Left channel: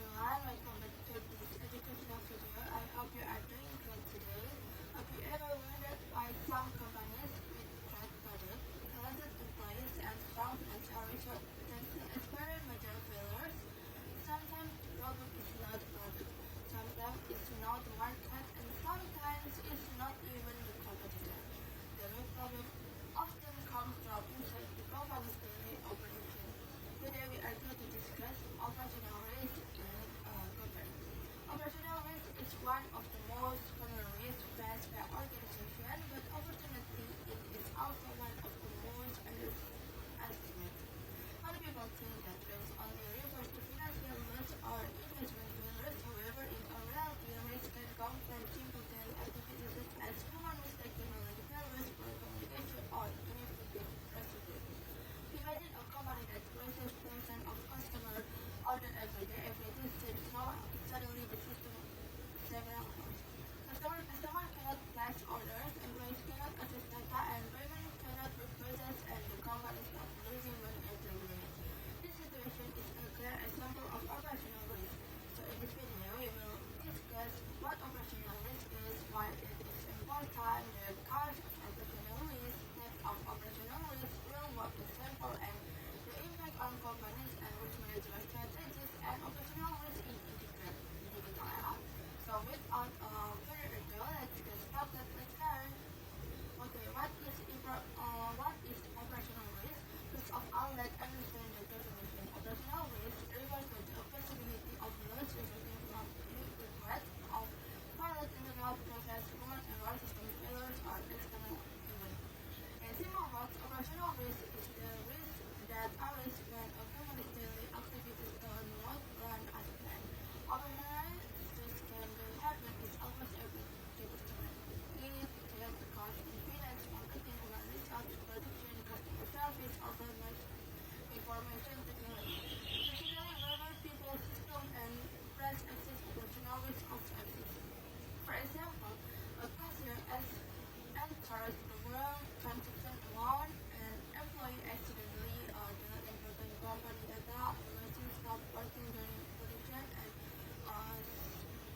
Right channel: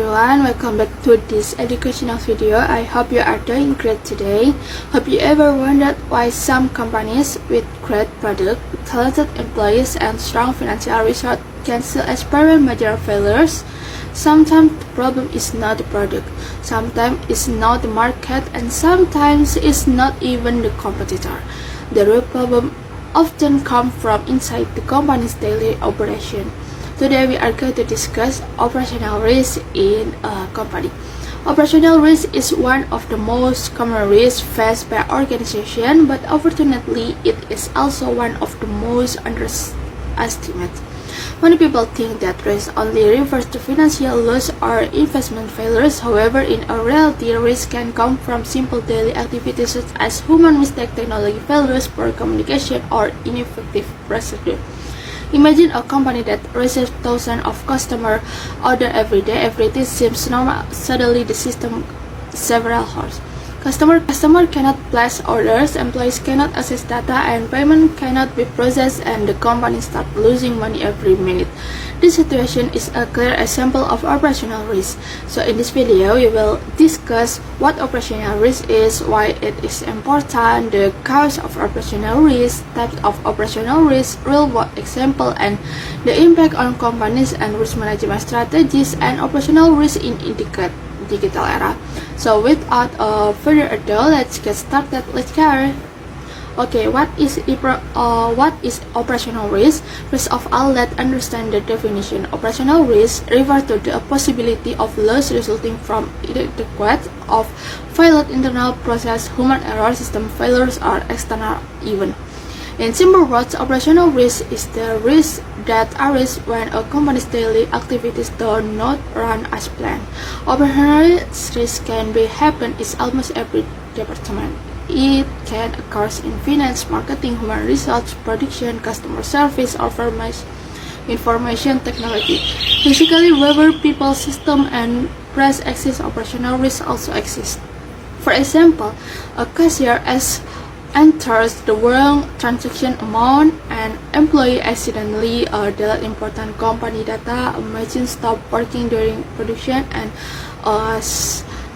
everyone, welcome back to this educational video. I hope you are doing great today. Have you ever wondered why some companies with great product, talented employees, and strong financial resources can still experience major failures? Sometimes the problem is not the product, sometimes it's not the market, and sometimes it's not even the competitor. The real problem often comes from inside the company's daily operation. Today we are going to discuss operational risk in a company. Operational risk is one of the most common risks faced by organizations, but unfortunately it is also one of the most underestimated. Many people think that risk only refers to financial loss or investment failures. However, in reality, risk can come from simple daily activities such as human mistakes, technology failures, poor communication, or ineffective procedure. Imagine a company that receives thousands of customer orders every day. Everything seems normal. Suddenly, the system several hours. Customer cannot place orders, employees cannot access data, and payment cannot be processed, and the company starts losing money every minute. This situation is a clear example of operational risk. So in this video, we will discuss what operational risk is, why it is important, the cause of operational risk, types of operational risk, real-world example, and the impact on companies and risk management strategies, and operational risk in digital era. So without further ado, let's get started. Let's go. Okay, what is operational risk? First of all, let's understand the definition. Operational risk refers to the possibility of loss resulting from inadequate of failed internal process, human error, system failures, or external event. In simple words, operational risk is the risk that arises when a company's daily activities do not run as planned. Operational risk can happen in almost every department. It can occur in finance, marketing, human resources, production, customer service, or information technology. Basically, wherever people, system, and press exist, operational risk also exists. For example, a cashier enters the wrong transaction amount, an employee accidentally delete important company data, a machine stop working during production, and a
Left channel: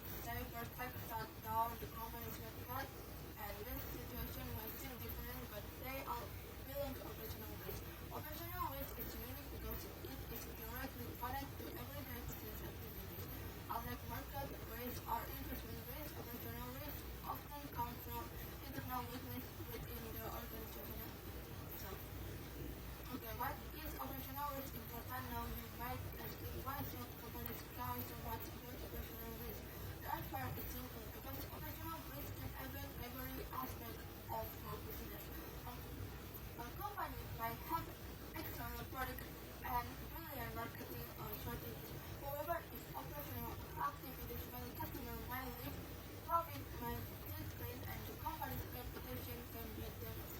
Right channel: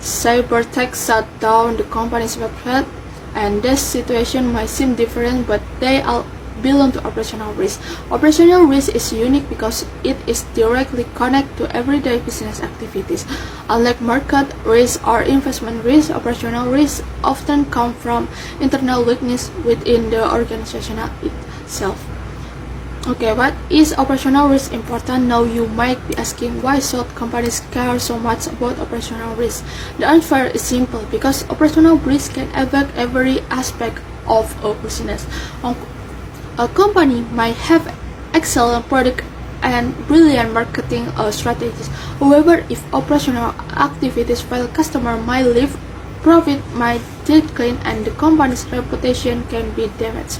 cyber attack shut down the company's website. And this situation might seem different, but they all belong to operational risk. Operational risk is unique because it is directly connected to everyday business activities. Unlike market risk or investment risk, operational risk often come from internal weakness within the organization itself. Okay, what is operational risk important? Now you might be asking, why should companies care so much about operational risk? The answer is simple, because operational risk can affect every aspect of a business. A company might have excellent product and brilliant marketing strategies. However, if operational activities fail, customer might leave, profit might decline, and the company's reputation can be damaged.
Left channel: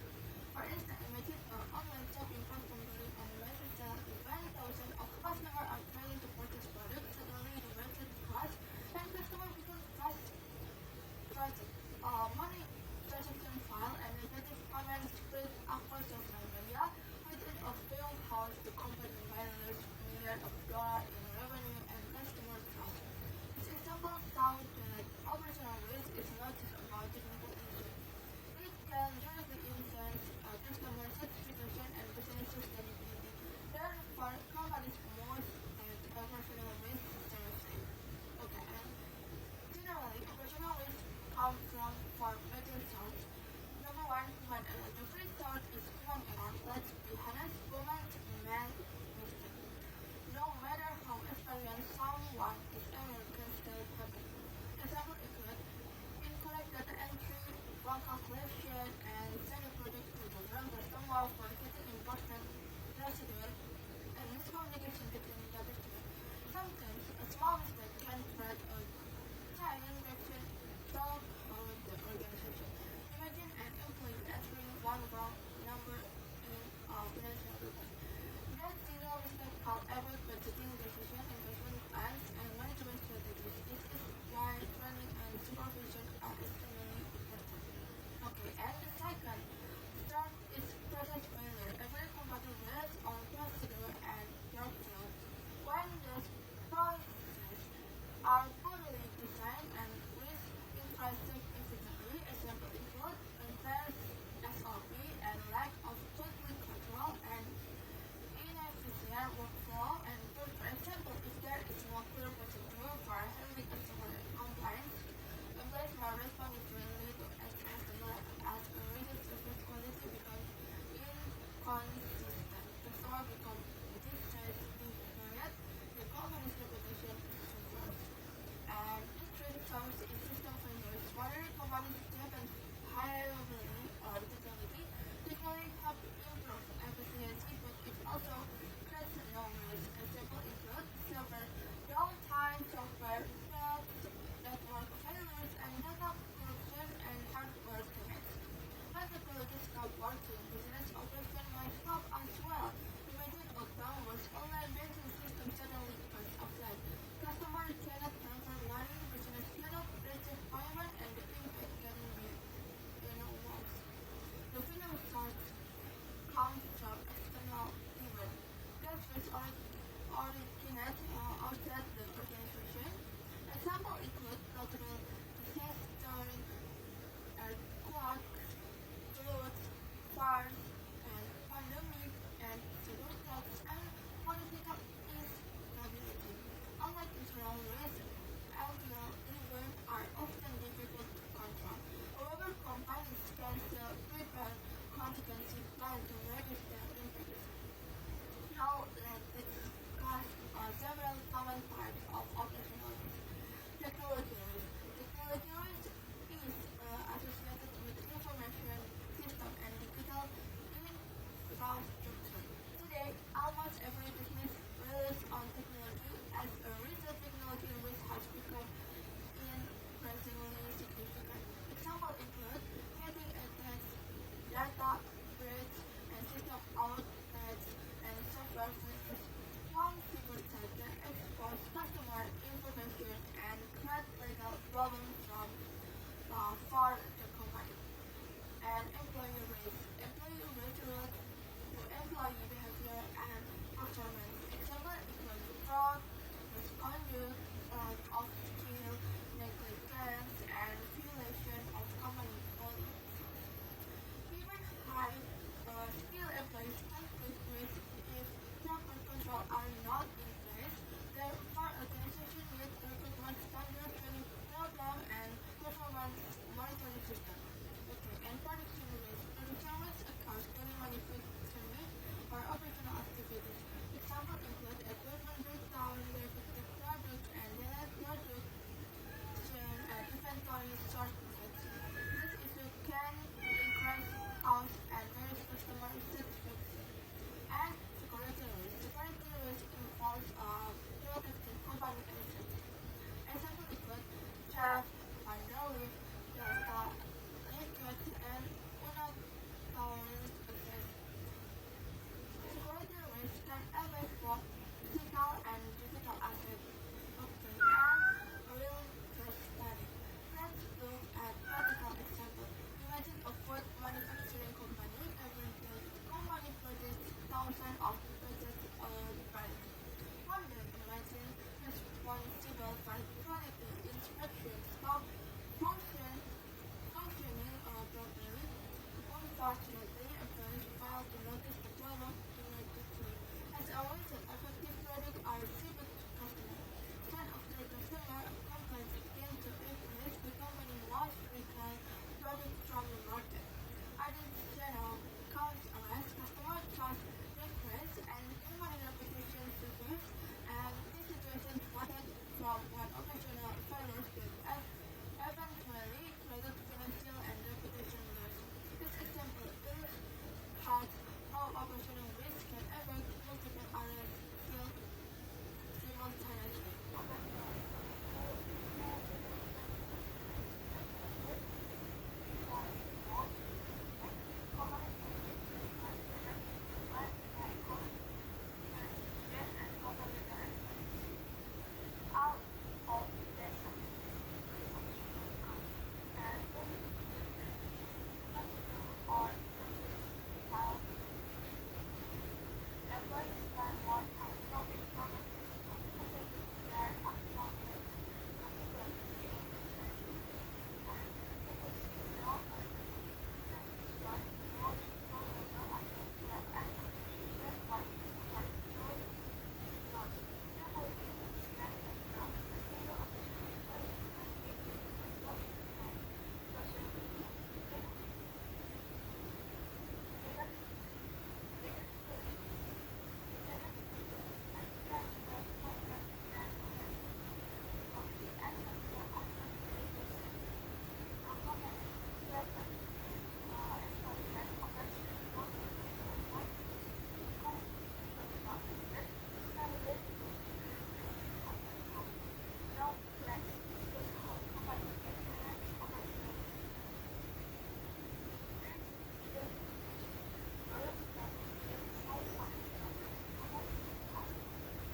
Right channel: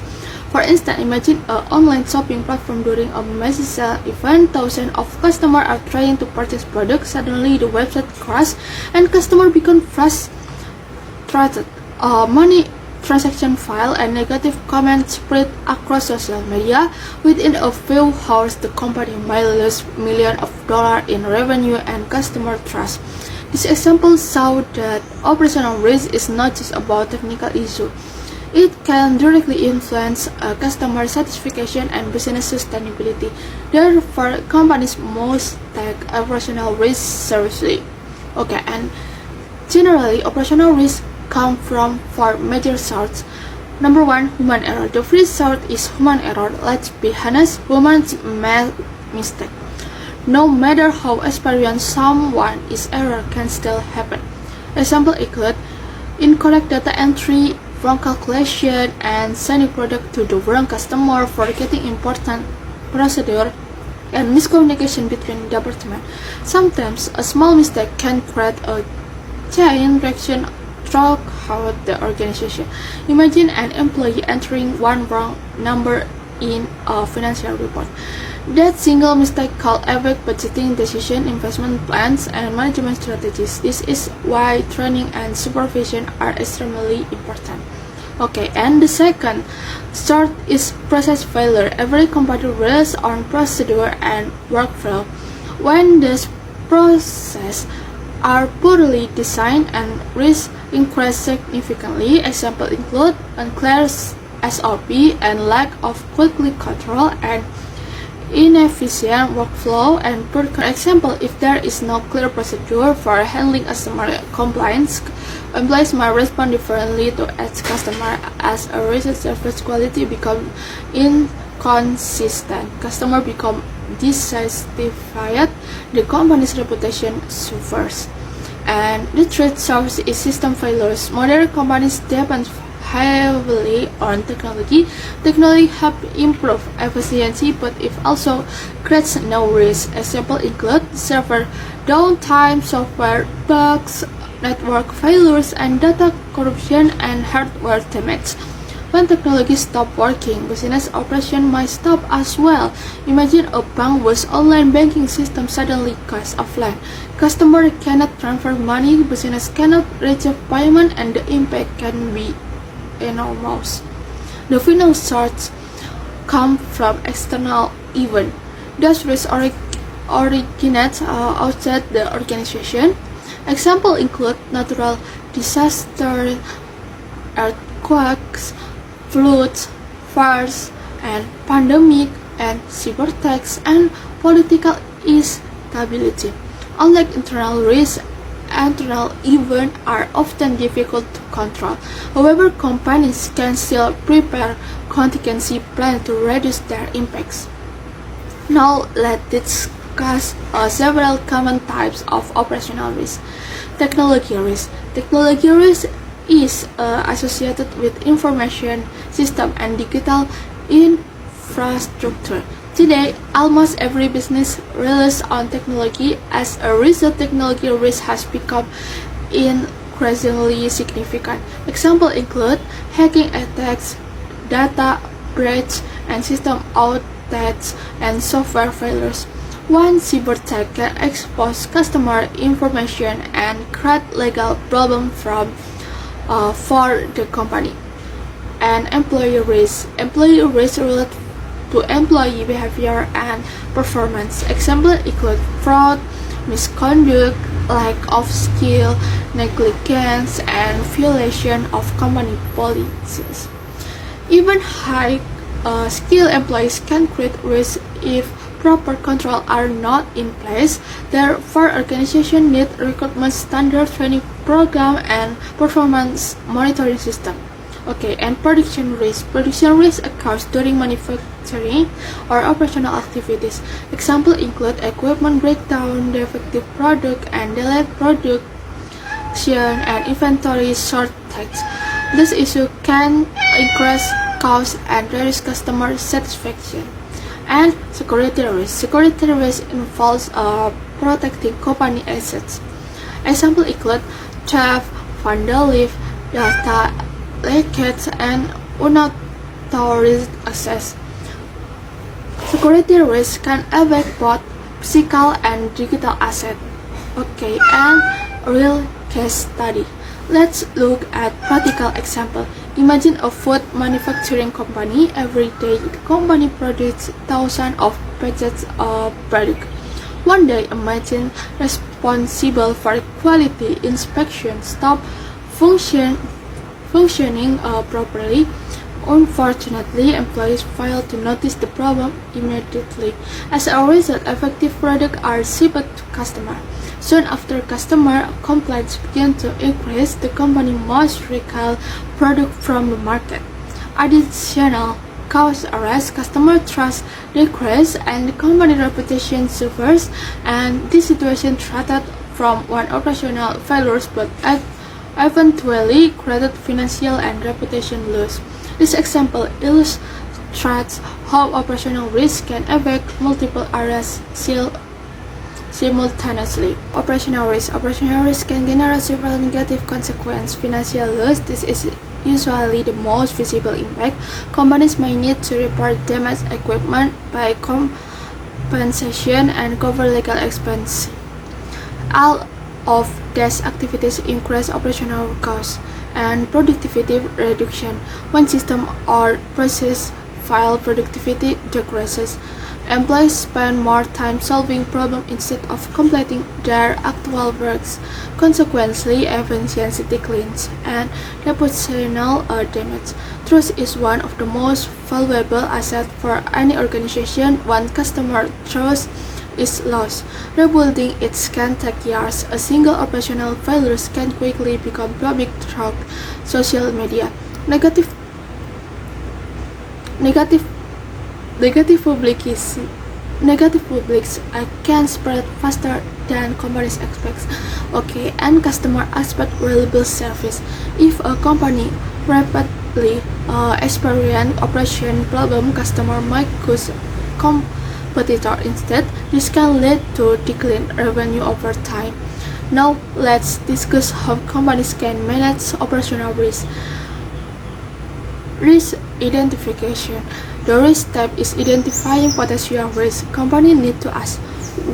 For instance, imagine an online shopping platform during a massive sale event. Thousands of customers are trying to purchase products. Suddenly, the website crashes, and customers become frustrated. Money transaction file and negative comments spread across social media. Within a few hours, the company might lose millions of dollars in revenue and customer trust. This example shows that operational risk is not just about technical issues. It can directly influence customer satisfaction and business sustainability. Therefore, companies must take operational risk seriously. Okay, and generally, operational risk come from four major sources. Number one, human error. The first source is human error. Let's be honest, humans make mistakes. No matter how experienced someone is, error can still happen. Example include incorrect data entry, wrong calculation, and sending product to the wrong customer, forgetting important procedure, and miscommunication between departments. Sometimes a small mistake can create a chain reaction throughout the organization. Imagine an employee entering one wrong number in a financial report. That single mistake could affect budgeting decisions, investment plans, and management strategies. This is why training and supervision are extremely important. Okay, and the second sort is process failure. Every company relies on procedure and workflow. When this processes are poorly designed and risk increase significantly. Examples include unclear SOP and lack of quality control and inefficient workflow and poor example. If there is no clear procedure for handling customer complaints, employees might respond differently to each customer. As a result, service quality becomes inconsistent, customer become dissatisfied, the company's reputation suffers. And the third source is system failures. Modern companies depend heavily on technology. Technology help improve efficiency, but it also creates no risk. Examples include server downtime, software bugs, network failures, and data corruption and hardware damage. When technology stops working, business operation might stop as well. Imagine a bank whose online banking system suddenly goes offline. Customer cannot transfer money, business cannot receive payment, and the impact can be enormous. The final source come from external events. Those risks originate outside the organization. Examples include natural disasters, earthquakes, floods, fires, and pandemic, and cyber attacks, and political instability. Unlike internal risks, internal events are often difficult to control. However, companies can still prepare contingency plans to reduce their impacts. Now, let's discuss several common types of operational risk. Technology risk. Technology risk is associated with information system and digital infrastructure. Today, almost every business relies on technology. As a result, technology risk has become increasingly significant. Examples include hacking attacks, data breach, and system outages and software failures. One cyber attack can expose customer information and create legal problems for the company. And employee risk. Employee risk relate to employee behavior and performance. Examples include fraud, misconduct, lack of skill, negligence, and violation of company policies. Even high skilled employees can create risk if proper controls are not in place. Therefore, organizations need recruitment standard training program and performance monitoring system. Okay, and production risk. Production risk occurs during manufacturing or operational activities. Examples include equipment breakdown, defective product, and delayed production and inventory shortage. This issue can increase costs and reduce customer satisfaction. And security risk. Security risk involves protecting company assets. Examples include theft, vandalism, data leakage, and unauthorized access. Security risk can affect both physical and digital assets. Okay, and real case study. Let's look at practical example. Imagine a food manufacturing company. Every day, the company produces thousands of packets of product. One day, a machine responsible for quality inspection stopped functioning properly. Unfortunately, employees failed to notice the problem immediately. As a result, effective products are shipped to customers. Soon after customer complaints began to increase, the company must recall product from the market. Additional costs arise, customer trust decreases, and the company reputation suffers. And this situation started from one operational failures, but eventually created financial and reputation loss. This example illustrates how operational risk can affect multiple areas simultaneously. Operational risk. Operational risk can generate several negative consequences. Financial loss. This is usually the most visible impact. Companies may need to repair damaged equipment, pay compensation, and cover legal expenses. All of these activities increase operational costs and productivity reduction. When system or process fail, productivity decreases. Employees spend more time solving problems instead of completing their actual works. Consequently, efficiency declines and reputational damage. Trust is one of the most valuable assets for any organization. When customer trust is lost, rebuilding it can take years. A single operational failure can quickly become public through social media. Negative negative Negative publicity Negative publics can spread faster than companies expect. Okay, and customer expect reliable service. If a company rapidly experience operation problem, customer might choose competitor instead. This can lead to decline revenue over time. Now let's discuss how companies can manage operational risk. Risk identification. The risk step is identifying potential risks. Companies need to ask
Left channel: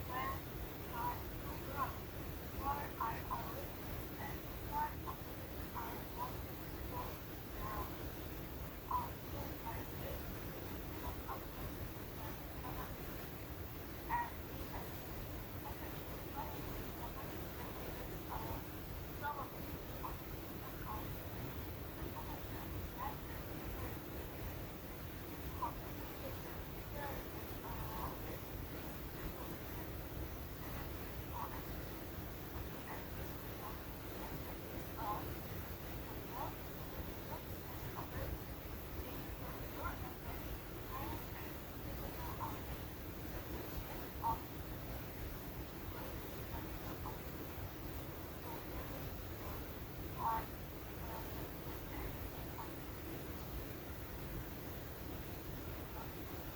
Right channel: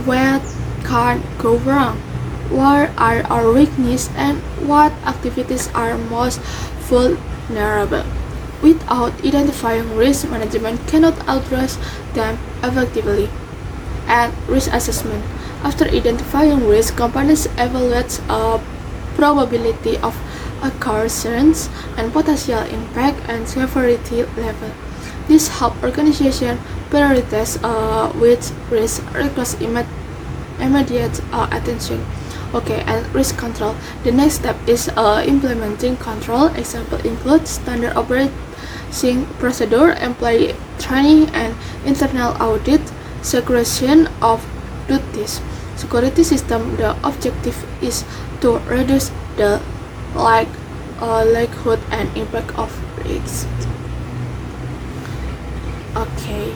what can go wrong, what are our weaknesses, and what activities are most vulnerable. Without identifying risk, management cannot address them effectively. And risk assessment. After identifying risk, companies evaluate a probability of occurrence and potential impact and severity level. This helps organizations prioritize which risk requires immediate attention. Okay, and risk control. The next step is implementing control. Example include standard operating procedure, employee training, and internal audit, segregation of duties. Security system. The objective is to reduce the likelihood and impact of risks. Okay.